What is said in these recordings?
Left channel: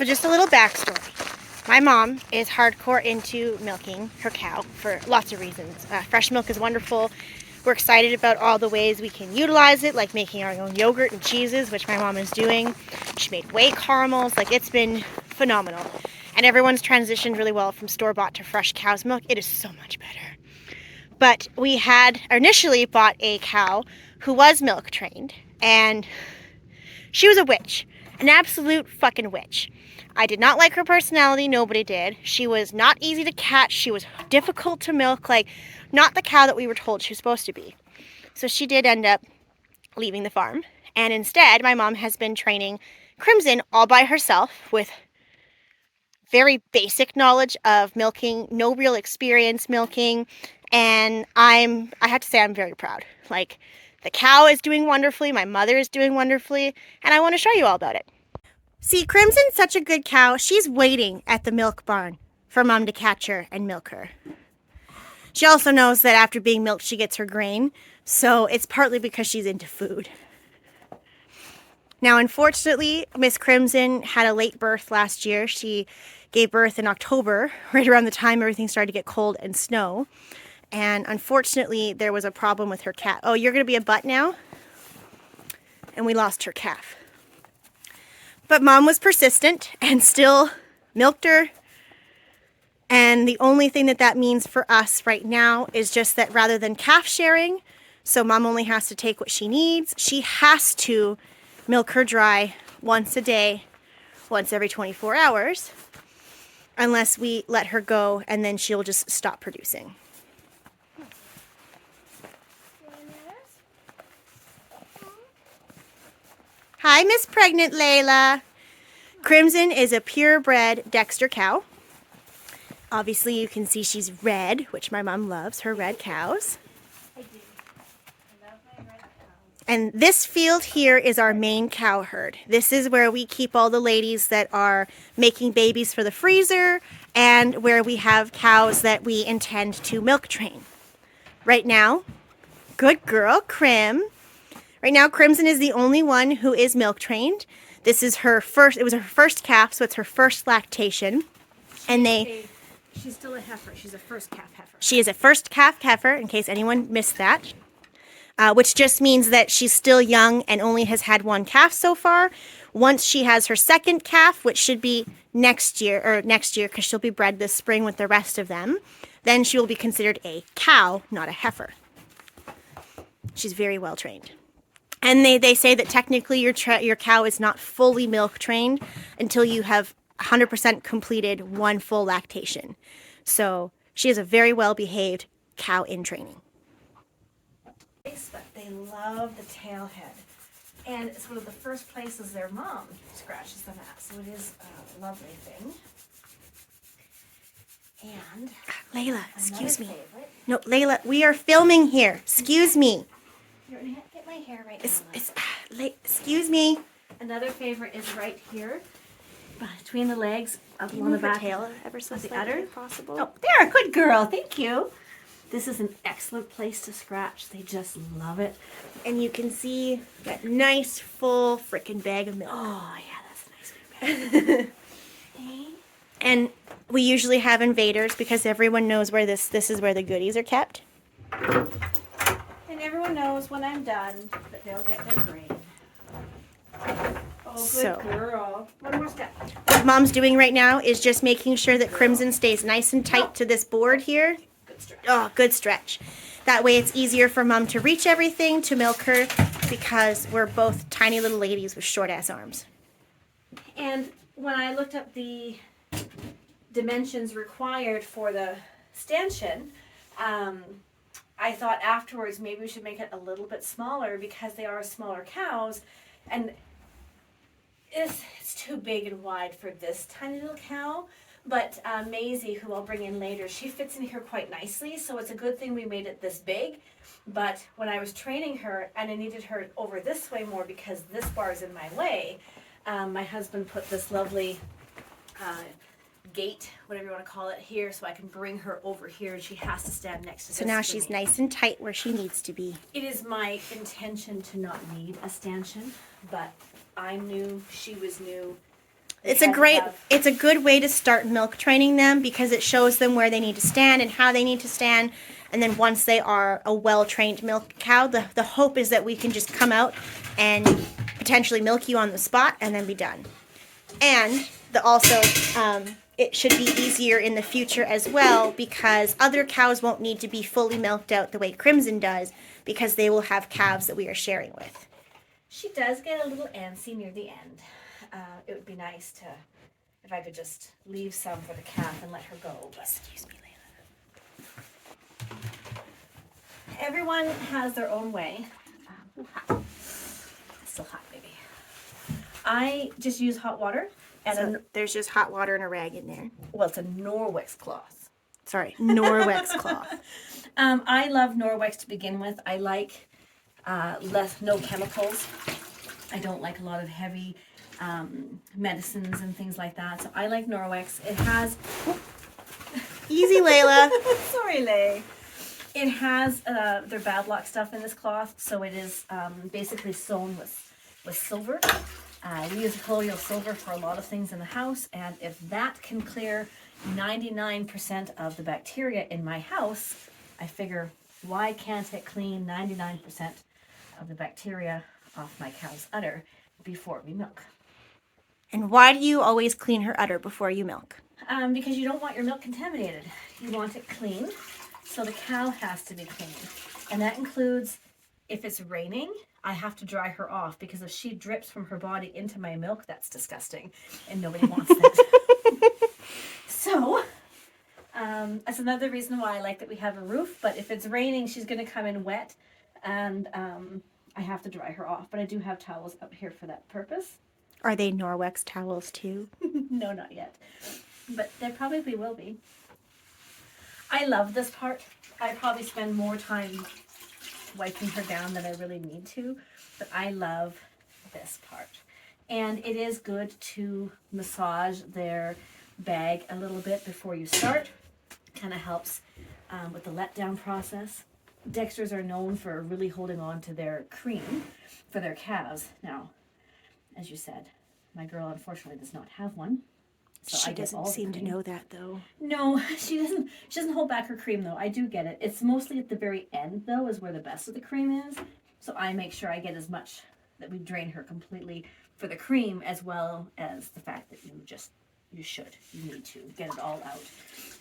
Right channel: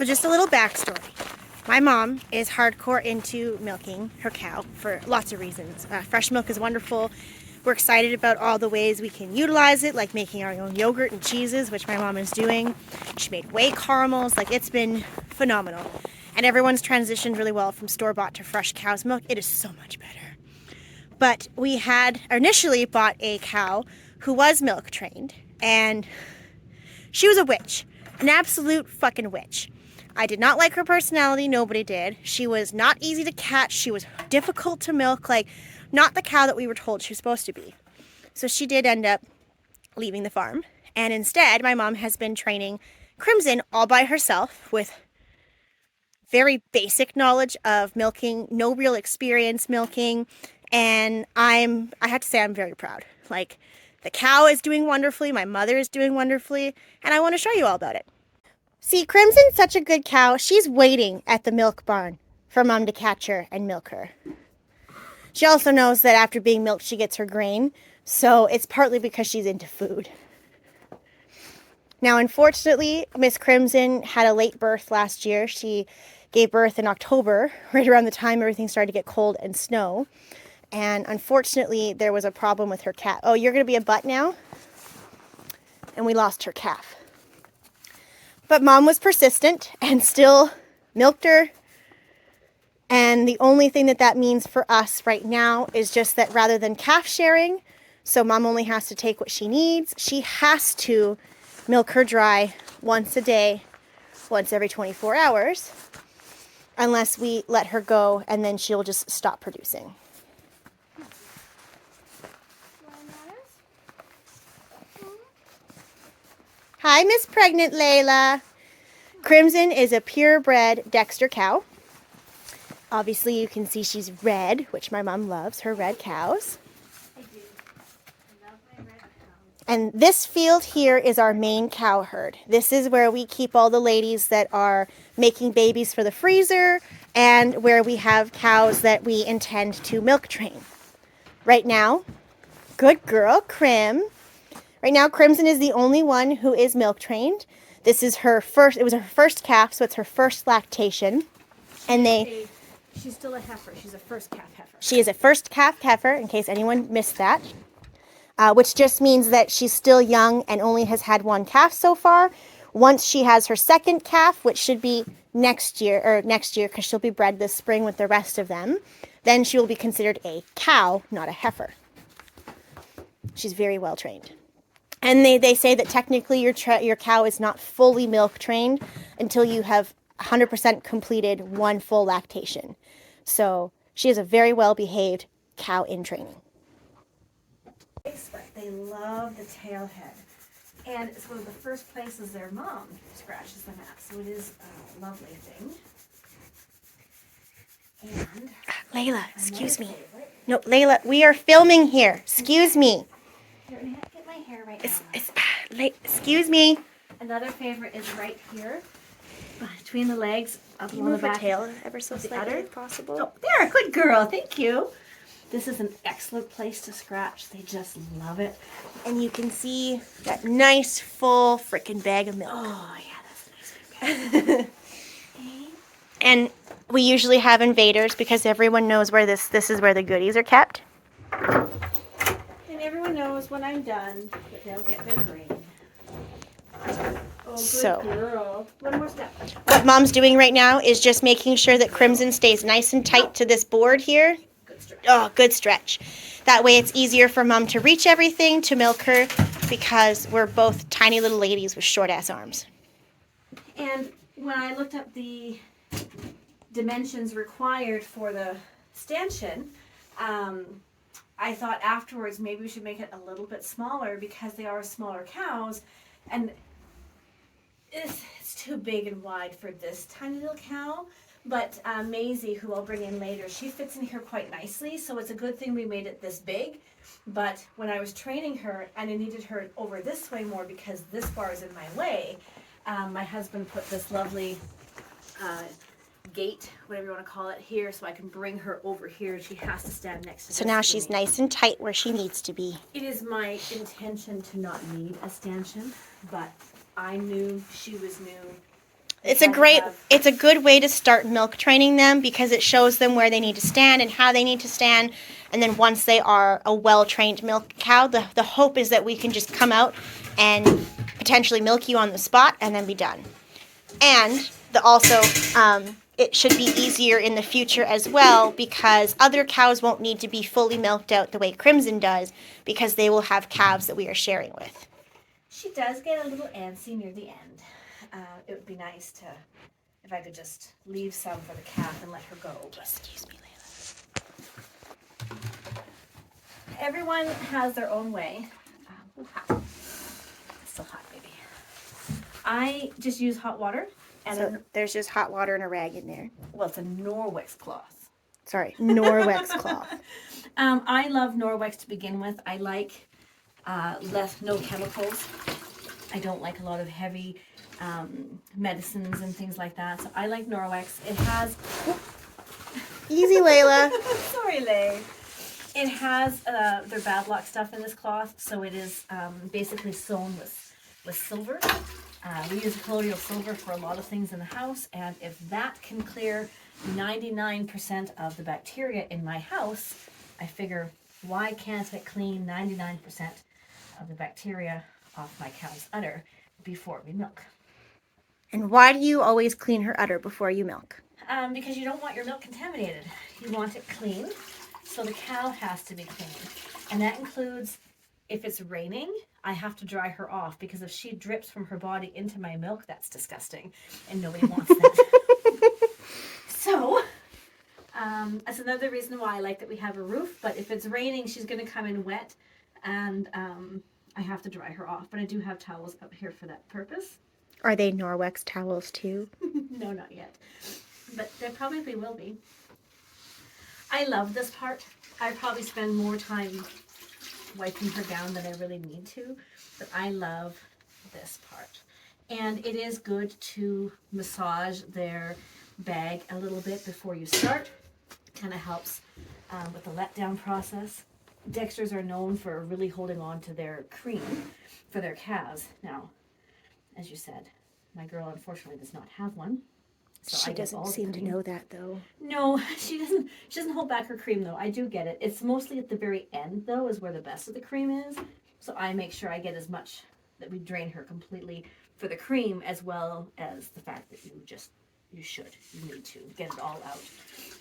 So just a little backstory. My mom is hardcore into milking her cow for lots of reasons. Fresh milk is wonderful. We're excited about all the ways we can utilize it, like making our own yogurt and cheeses, which my mom is doing. She made whey caramels. Like, it's been phenomenal. And everyone's transitioned really well from store-bought to fresh cow's milk. It is so much better. But we had initially bought a cow who was milk trained, and she was a witch, an absolute fucking witch. I did not like her personality. Nobody did. She was not easy to catch. She was difficult to milk, like not the cow that we were told she was supposed to be. So she did end up leaving the farm. And instead, my mom has been training Crimson all by herself with very basic knowledge of milking, no real experience milking. And I have to say I'm very proud. Like, the cow is doing wonderfully. My mother is doing wonderfully. And I want to show you all about it. See, Crimson's such a good cow. She's waiting at the milk barn for Mom to catch her and milk her. She also knows that after being milked, she gets her grain. So it's partly because she's into food. Now, unfortunately, Miss Crimson had a late birth last year. She gave birth in October, right around the time everything started to get cold and snow. And unfortunately, there was a problem with her calf. Oh, you're going to be a butt now? And we lost her calf. But Mom was persistent and still milked her. And the only thing that means for us right now is just that rather than calf sharing, so Mom only has to take what she needs, she has to milk her dry once a day, once every 24 hours, unless we let her go, and then she'll just stop producing. Hi, Miss Pregnant Layla. Crimson is a purebred Dexter cow. Obviously, you can see she's red, which my mom loves, her red cows. I do. I love my red cows. And this field here is our main cow herd. This is where we keep all the ladies that are making babies for the freezer and where we have cows that we intend to milk train. Right now, good girl, Crim. Right now, Crimson is the only one who is milk trained. This is her first, it was her first calf, so it's her first lactation. And She's still a heifer. She's a first calf heifer. she is a first calf heifer, in case anyone missed that. Which just means that she's still young and only has had one calf so far. Once she has her second calf, which should be next year, because she'll be bred this spring with the rest of them, then she will be considered a cow, not a heifer. She's very well trained. And they say that technically your cow is not fully milk trained until you have 100% completed one full lactation. So she is a very well behaved cow in training. But they love the tail head. And it's one of the first places their mom scratches them at. So it is a lovely thing. And Layla, excuse me. favorite. No, Layla, we are filming here. Excuse me. You're going to get my hair right now. Excuse me. Another favorite is right here, between the legs of Can you one move of the her back. tail ever so of the slightly udder? if possible? Oh, there, good girl. Thank you. This is an excellent place to scratch. They just love it. And you can see that nice full frickin' bag of milk. Oh, yeah, that's a nice. Okay. And we usually have invaders because everyone knows where this is where the goodies are kept. And everyone knows when I'm done that they'll get their grain. Oh, good So. girl. One more step. What Mom's doing right now is just making sure that Crimson stays nice and tight to this board here. Good stretch. Oh, good stretch. That way it's easier for Mom to reach everything, to milk her, because we're both tiny little ladies with short-ass arms. And when I looked up the dimensions required for the stanchion, I thought afterwards maybe we should make it a little bit smaller because they are smaller cows, and it's too big and wide for this tiny little cow. But Maisie, who I'll bring in later, she fits in here quite nicely, so it's a good thing we made it this big. But when I was training her, and I needed her over this way more because this bar is in my way, my husband put this lovely gate, whatever you want to call it, here, so I can bring her over here, and she has to stand next to So this now for she's me. nice and tight where she needs to be. It is my intention to not need a stanchion, but I'm new, she was new. It's a good way to start milk training them because it shows them where they need to stand and how they need to stand. And then once they are a well-trained milk cow, the hope is that we can just come out and potentially milk you on the spot and then be done. And it should be easier in the future as well because other cows won't need to be fully milked out the way Crimson does because they will have calves that we are sharing with. She does get a little antsy near the end. It would be nice if I could just leave some for the calf and let her go. But excuse me. Everyone has their own way. It's still hot, baby. I just use hot water. And there's just hot water and a rag in there. Well, it's a Norwex cloth. Sorry, Norwex cloth. I love Norwex to begin with. I like no chemicals. I don't like a lot of heavy medicines and things like that. So I like Norwex. It has... Easy, Layla. Sorry, Lay. It has their bad luck stuff in this cloth. So it is basically sewn with silver. We use colloidal silver for a lot of things in the house. And if that can clear 99% of the bacteria in my house, I figure, why can't it clean 99% of the bacteria off my cow's udder before we milk? And why do you always clean her udder before you milk? Because you don't want your milk contaminated. You want it clean, so the cow has to be clean. And that includes, if it's raining, I have to dry her off, because if she drips from her body into my milk, that's disgusting, and nobody wants that. So, that's another reason why I like that we have a roof, but if it's raining, she's going to come in wet, and I have to dry her off. But I do have towels up here for that purpose. Are they Norwex towels too? No, not yet. But there probably will be. I love this part. I probably spend more time wiping her down than I really need to, but I love this part. And it is good to massage their bag a little bit before you start. Kind of helps with the letdown process. Dexters are known for really holding on to their cream for their calves. Now, as you said, my girl unfortunately does not have one. So she doesn't seem to know that, though. No, she doesn't. She doesn't hold back her cream, though. I do get it. It's mostly at the very end, though, is where the best of the cream is. So I make sure I get as much, that we drain her completely for the cream, as well as the fact that you need to get it all out.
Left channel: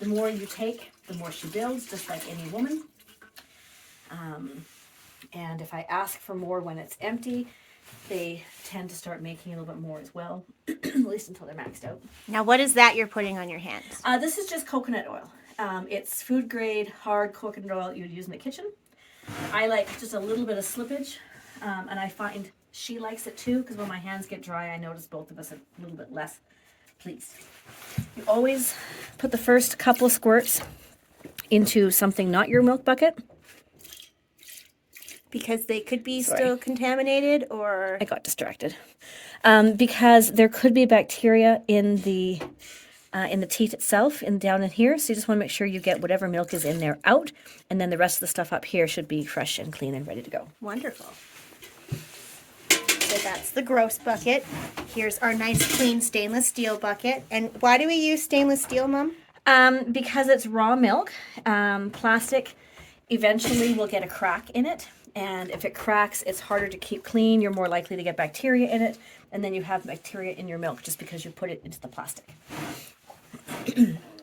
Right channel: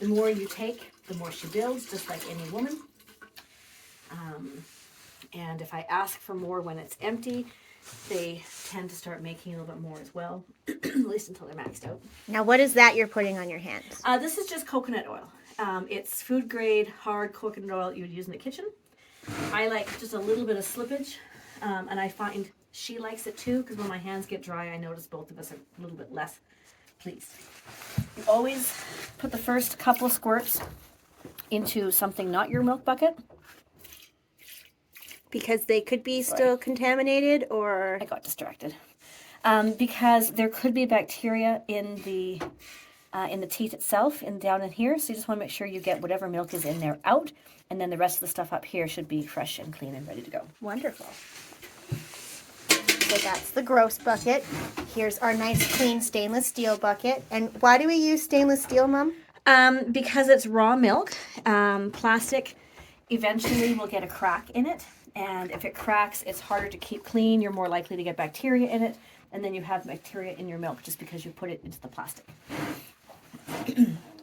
The more you take, the more she builds, just like any woman. And if I ask for more when it's empty, they tend to start making a little bit more as well, at least until they're maxed out. Now, what is that you're putting on your hands? This is just coconut oil. It's food grade, hard coconut oil you would use in the kitchen. I like just a little bit of slippage, and I find she likes it too, because when my hands get dry, I notice both of us are a little bit less pleased. You always put the first couple squirts into something not your milk bucket. Because they could be still contaminated, or... I got distracted. Because there could be bacteria in the teat itself, down in here. So you just want to make sure you get whatever milk is in there out, and then the rest of the stuff up here should be fresh and clean and ready to go. Wonderful. So that's the gross bucket. Here's our nice clean stainless steel bucket. And why do we use stainless steel, Mom? Because it's raw milk. Plastic eventually will get a crack in it. And if it cracks, it's harder to keep clean. You're more likely to get bacteria in it. And then you have bacteria in your milk just because you put it into the plastic.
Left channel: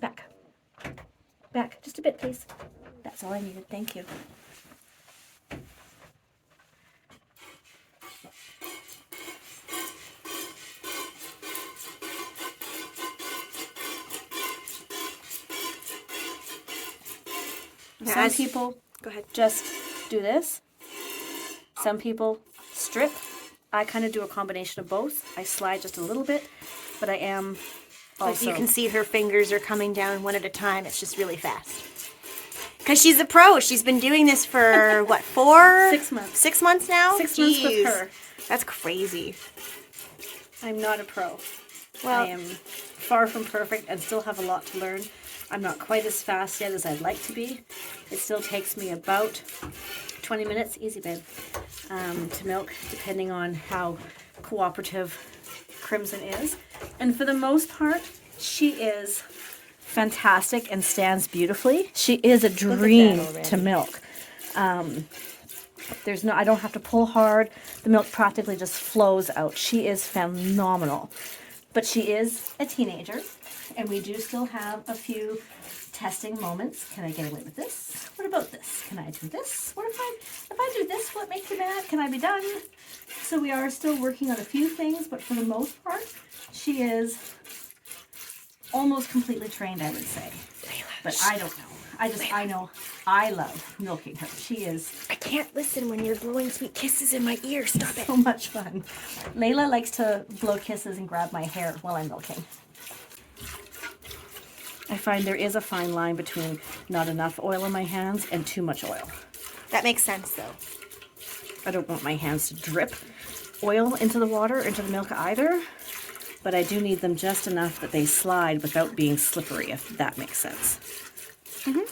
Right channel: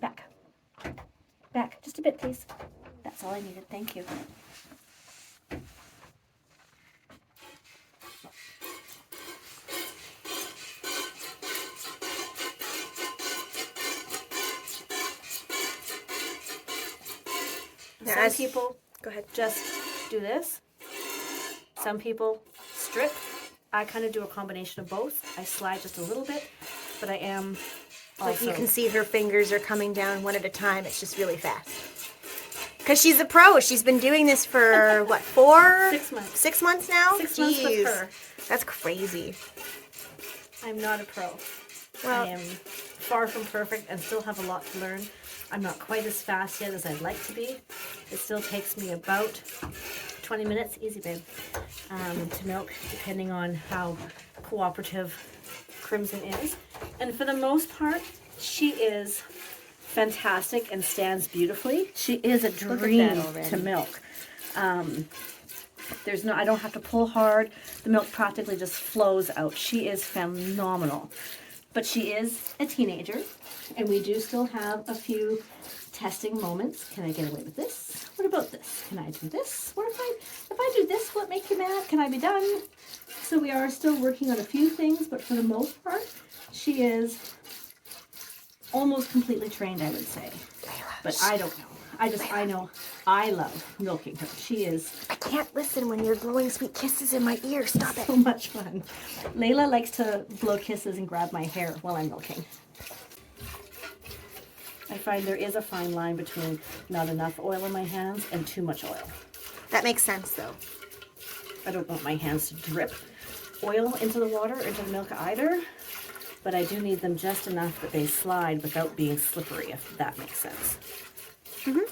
Back. Back. Just a bit, please. That's all I needed. Thank you. Some people just do this. Some people strip. I kind of do a combination of both. I slide just a little bit, but I am also... You can see her fingers are coming down one at a time. It's just really fast. Because she's a pro. She's been doing this for, what, 6 months. 6 months now? 6 months with her. That's crazy. I'm not a pro. Well, I am far from perfect and still have a lot to learn. I'm not quite as fast yet as I'd like to be. It still takes me about 20 minutes, easy babe, to milk, depending on how cooperative Crimson is. And for the most part, she is fantastic and stands beautifully. She is a dream to milk. I don't have to pull hard. The milk practically just flows out. She is phenomenal. But she is a teenager, and we do still have a few testing moments. Can I get away with this? What about this? Can I do this? What if I do this, will it make you mad? Can I be done? So we are still working on a few things, but for the most part, she is almost completely trained, I would say. But I don't know. I know I love milking her. She is... I can't listen when you're blowing sweet kisses in my ear. Stop it. So much fun. Layla likes to blow kisses and grab my hair while I'm milking. I find there is a fine line between not enough oil in my hands and too much oil. That makes sense, though. I don't want my hands to drip oil into the water, into the milk either, but I do need them just enough that they slide without being slippery, if that makes sense. Mm-hmm.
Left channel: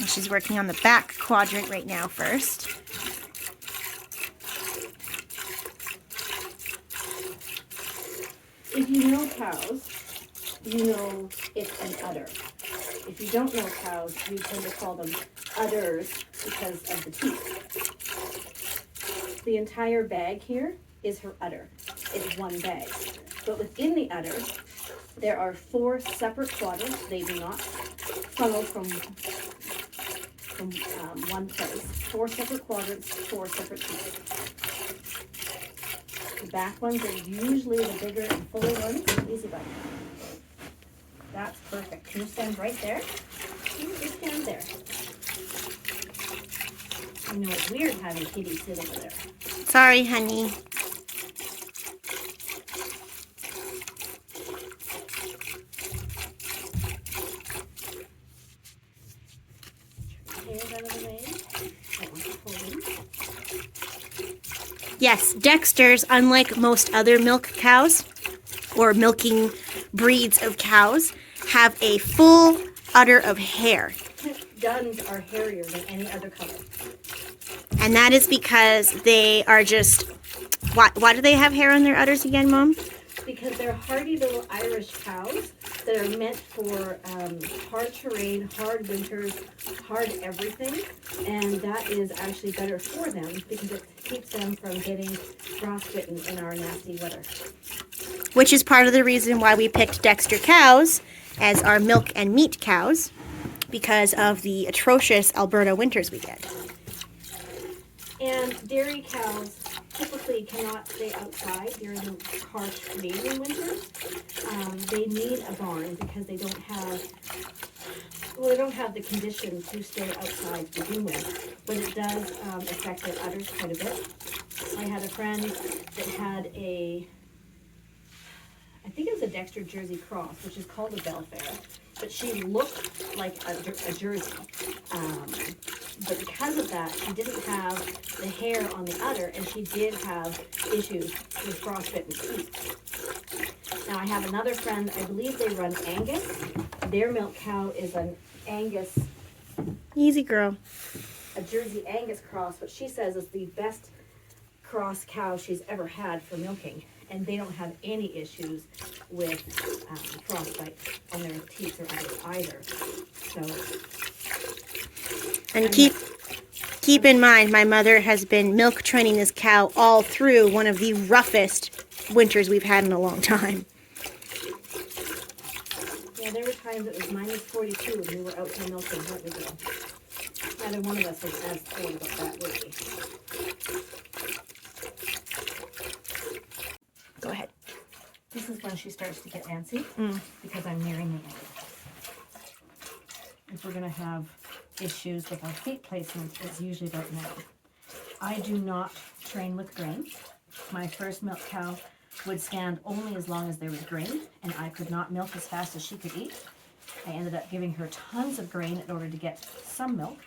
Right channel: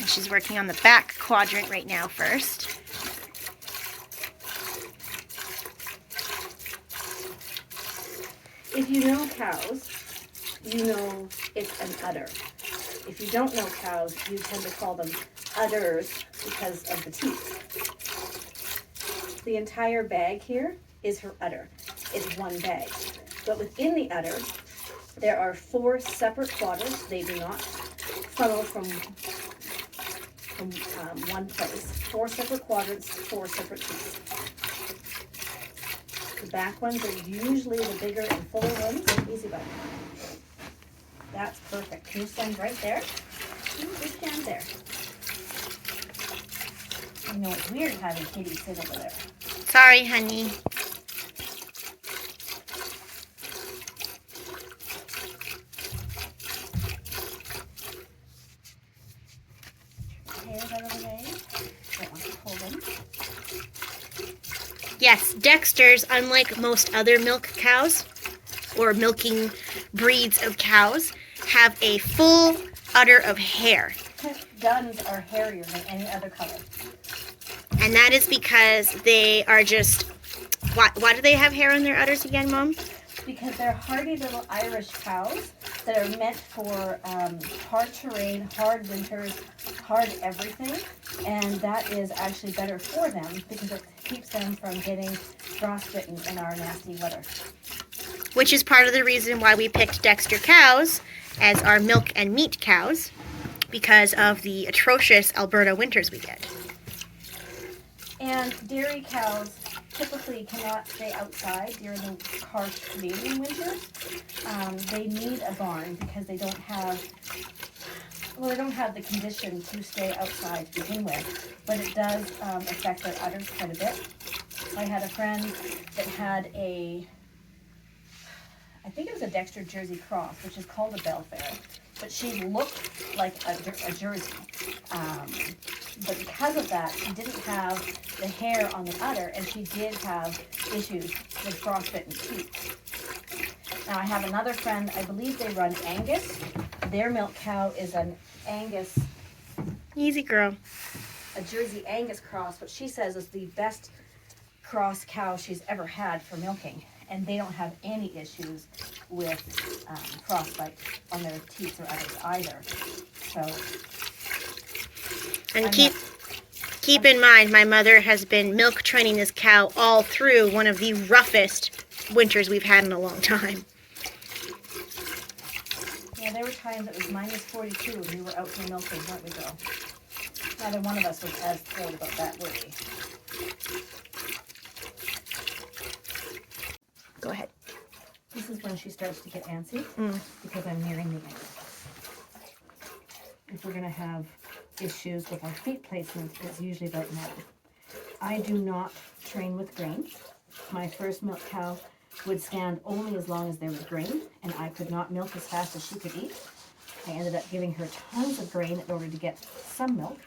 And she's working on the back quadrant right now first. If you know cows, you know it's an udder. If you don't know cows, you tend to call them udders because of the teeth. The entire bag here is her udder. It's one bag. But within the udder, there are 4 separate quadrants. They do not funnel from one place. 4 separate quadrants, 4 separate teeth. The back ones are usually the bigger and fuller ones. Easy button. That's perfect. Can you stand right there? You just stand there. I know it's weird having Katie sit over there. Sorry, honey. Hairs out of the way. Don't want to pull them. Yes, Dexter's, unlike most other milk cows or milking breeds of cows, have a full udder of hair. Duns are hairier than any other color. And that is because they are just... Why do they have hair on their udders again, Mom? Because they're hardy little Irish cows that are meant for hard terrain, hard winters, hard everything. And that is actually better for them because it keeps them from getting frostbitten in our nasty weather. Which is part of the reason why we picked Dexter cows as our milk and meat cows, because of the atrocious Alberta winters we get. And dairy cows typically cannot stay outside during the harsh Canadian winters. They need a barn because they don't have the condition to stay outside to begin with, but it does affect their udders quite a bit. I had a friend that had I think it was a Dexter Jersey cross, which is called a Belfair, but she looked like a Jersey. But because of that, she didn't have the hair on the udder, and she did have issues with frostbitten teeth. Now I have another friend, I believe they run Angus. Their milk cow is an Angus, Easy, girl. a Jersey Angus cross, which she says is the best cross cow she's ever had for milking. And they don't have any issues with frostbite on their teeth or udders either. So, And keep in mind, my mother has been milk training this cow all through one of the roughest winters we've had in a long time. yeah, there were times it was minus 42 when we were out here milking, weren't we, Bill? Neither one of us was as thrilled about that, were we? Go ahead. This is when she starts to get antsy because I'm nearing the night. If we're going to have issues with our feet placement, it's usually about now. I do not train with grain. My first milk cow would stand only as long as there was grain, and I could not milk as fast as she could eat. I ended up giving her tons of grain in order to get some milk,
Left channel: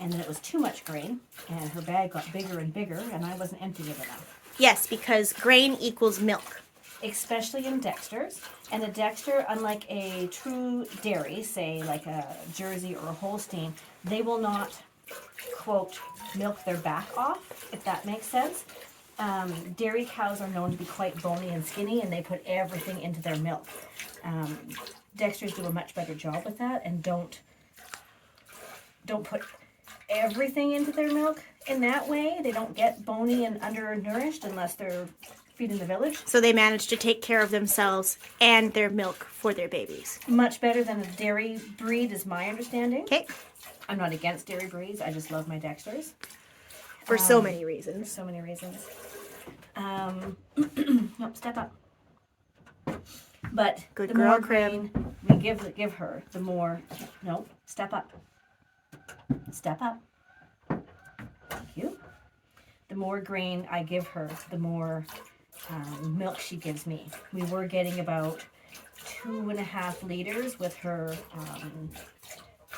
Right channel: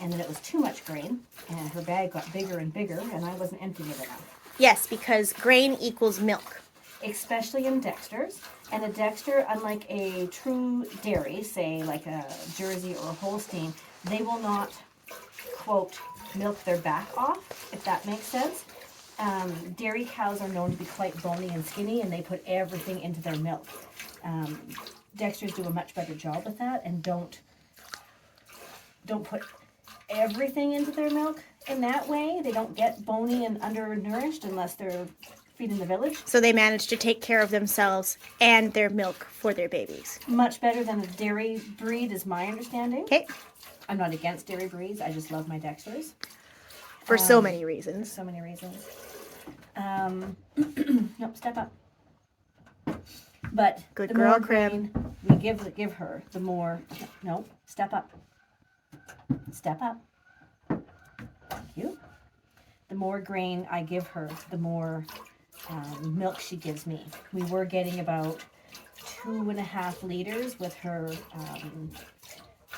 and then it was too much grain, and her bag got bigger and bigger, and I wasn't emptying it enough. Yes, because grain equals milk. Especially in Dexter's. And a Dexter, unlike a true dairy, say like a Jersey or a Holstein, they will not quote, milk their back off, if that makes sense. Dairy cows are known to be quite bony and skinny, and they put everything into their milk. Dexters do a much better job with that, and don't put everything into their milk in that way. They don't get bony and undernourished unless they're feeding the village. So they manage to take care of themselves and their milk for their babies. Much better than a dairy breed is my understanding. Okay. I'm not against dairy breeds. I just love my Dexters. For so many reasons. So many reasons. Nope, step up. But Good the girl, more Crim. grain we give her, the more, no, step up. Step up. Thank you. The more grain I give her, the more milk she gives me. We were getting about 2.5 liters with her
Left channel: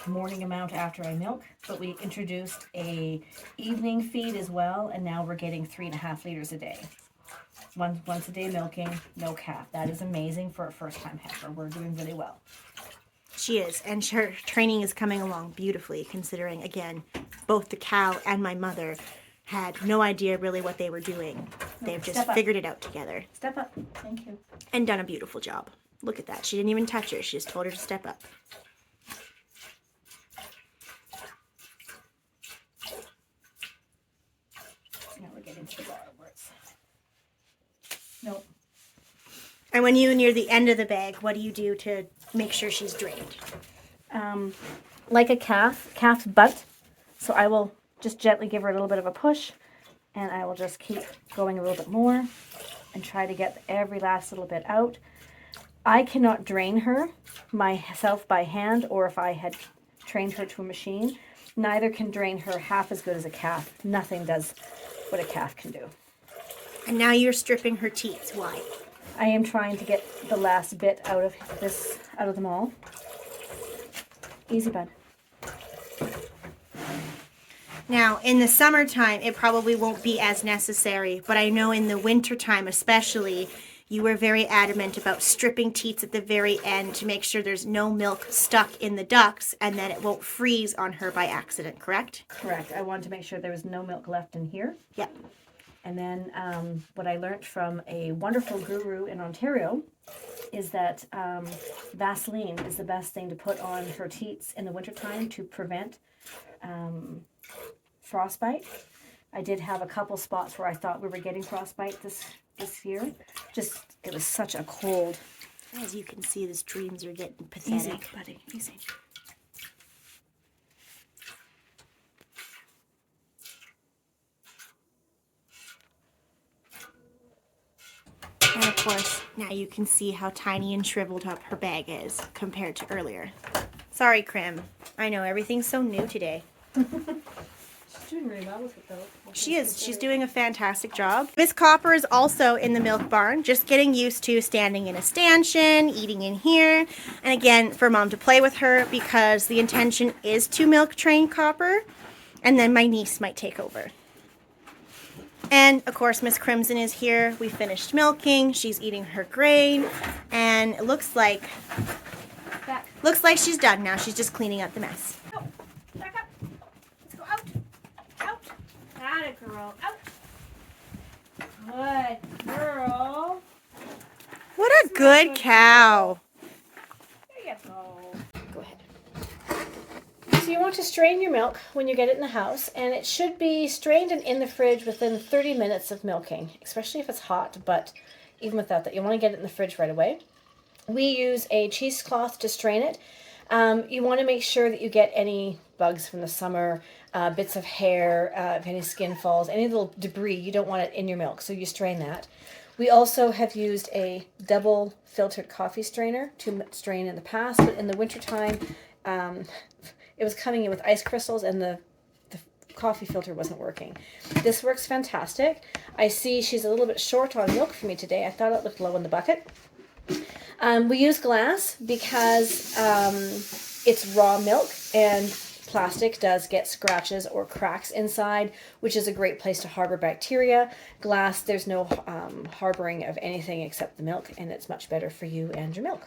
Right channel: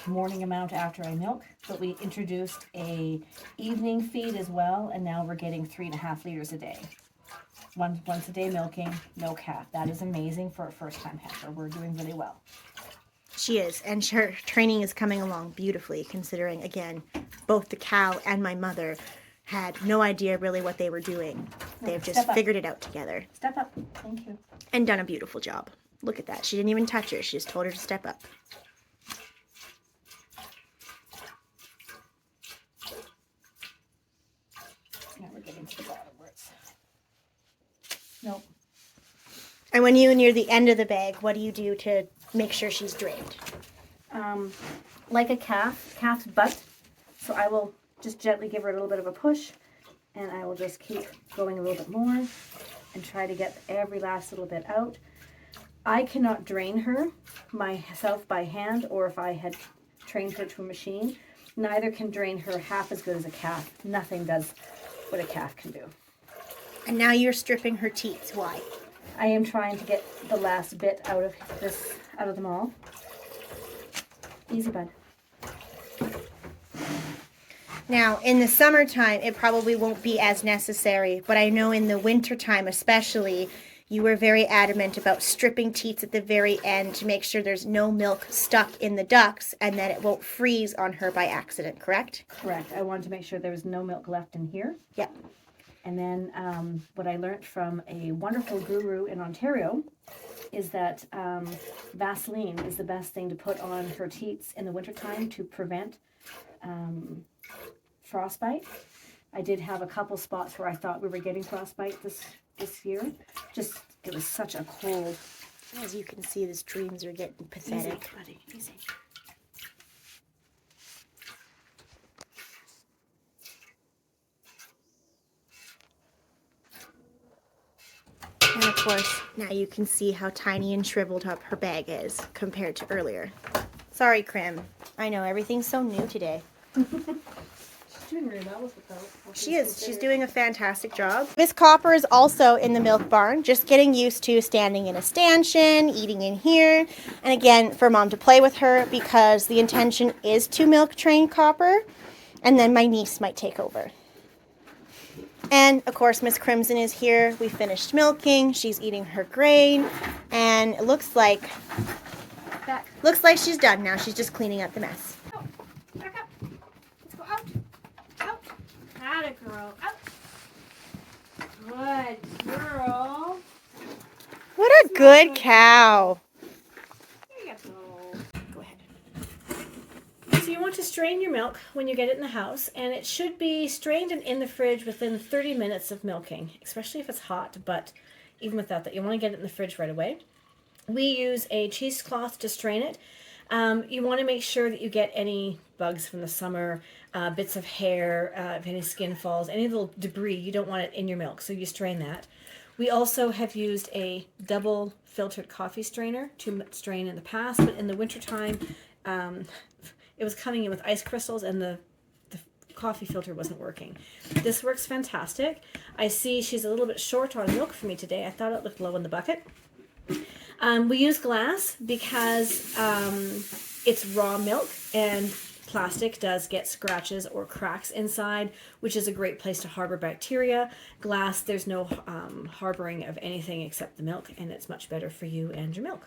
morning amount after I milk, but we introduced a evening feed as well, and now we're getting 3.5 liters a day. Once a day milking, no calf. That is amazing for a first-time heifer. We're doing really well. She is, and her training is coming along beautifully, considering, again, both the cow and my mother had no idea really what they were doing. They've just figured it out together. Step up. Thank you. And done a beautiful job. Look at that. She didn't even touch her. She just told her to step up. Now we're getting to the bottom words. Nope. And when you're near the end of the bag, what do you do to make sure she's drained? Like a calf's butt. So I will just gently give her a little bit of a push, and I will just keep going a little bit more and try to get every last little bit out. I cannot drain her myself by hand, or if I had trained her to a machine. Neither can drain her half as good as a calf. Nothing does what a calf can do. And now you're stripping her teats. Why? I am trying to get the last bit out of them all. Easy, bud. Now, in the summertime, it probably won't be as necessary, but I know in the wintertime especially, you were very adamant about stripping teats at the very end to make sure there's no milk stuck in the ducts and that it won't freeze on her by accident, correct? Correct. I wanted to make sure there was no milk left in here. Yep. And then what I learned from a wonderful guru in Ontario is that Vaseline is the best thing to put on her teats in the wintertime to prevent frostbite. I did have a couple spots where I thought we were getting frostbite this year. Just, it was such a cold. As you can see, the streams are getting pathetic. Easy, buddy, easy. And of course, now you can see how tiny and shriveled up her bag is compared to earlier. Sorry, Crim. I know, everything's so new today. She's doing really well with it, though. She is. She's doing a fantastic job. Miss Copper is also in the milk barn, just getting used to standing in a stanchion, eating in here. And again, for Mom to play with her, because the intention is to milk train Copper, and then my niece might take over. And of course, Miss Crimson is here. We finished milking. She's eating her grain, and it looks like she's done now. She's just cleaning up the mess. Go. Back up. Let's go out. Out. Atta girl. Out. Good girl. What a good cow. There you go. Go ahead. So you want to strain your milk when you get it in the house, and it should be strained and in the fridge within 30 minutes of milking, especially if it's hot, but even without that, you want to get it in the fridge right away. We use a cheesecloth to strain it. You want to make sure that you get any bugs from the summer, bits of hair, if any skin falls, any little debris, you don't want it in your milk, so you strain that. We also have used a double filtered coffee strainer to strain in the past, but in the wintertime, it was coming in with ice crystals and the coffee filter wasn't working. This works fantastic. I see she's a little bit short on milk for me today. I thought it looked low in the bucket. We use glass because it's raw milk, and plastic does get scratches or cracks inside, which is a great place to harbor bacteria. Glass, there's no harboring of anything except the milk, and it's much better for you and your milk.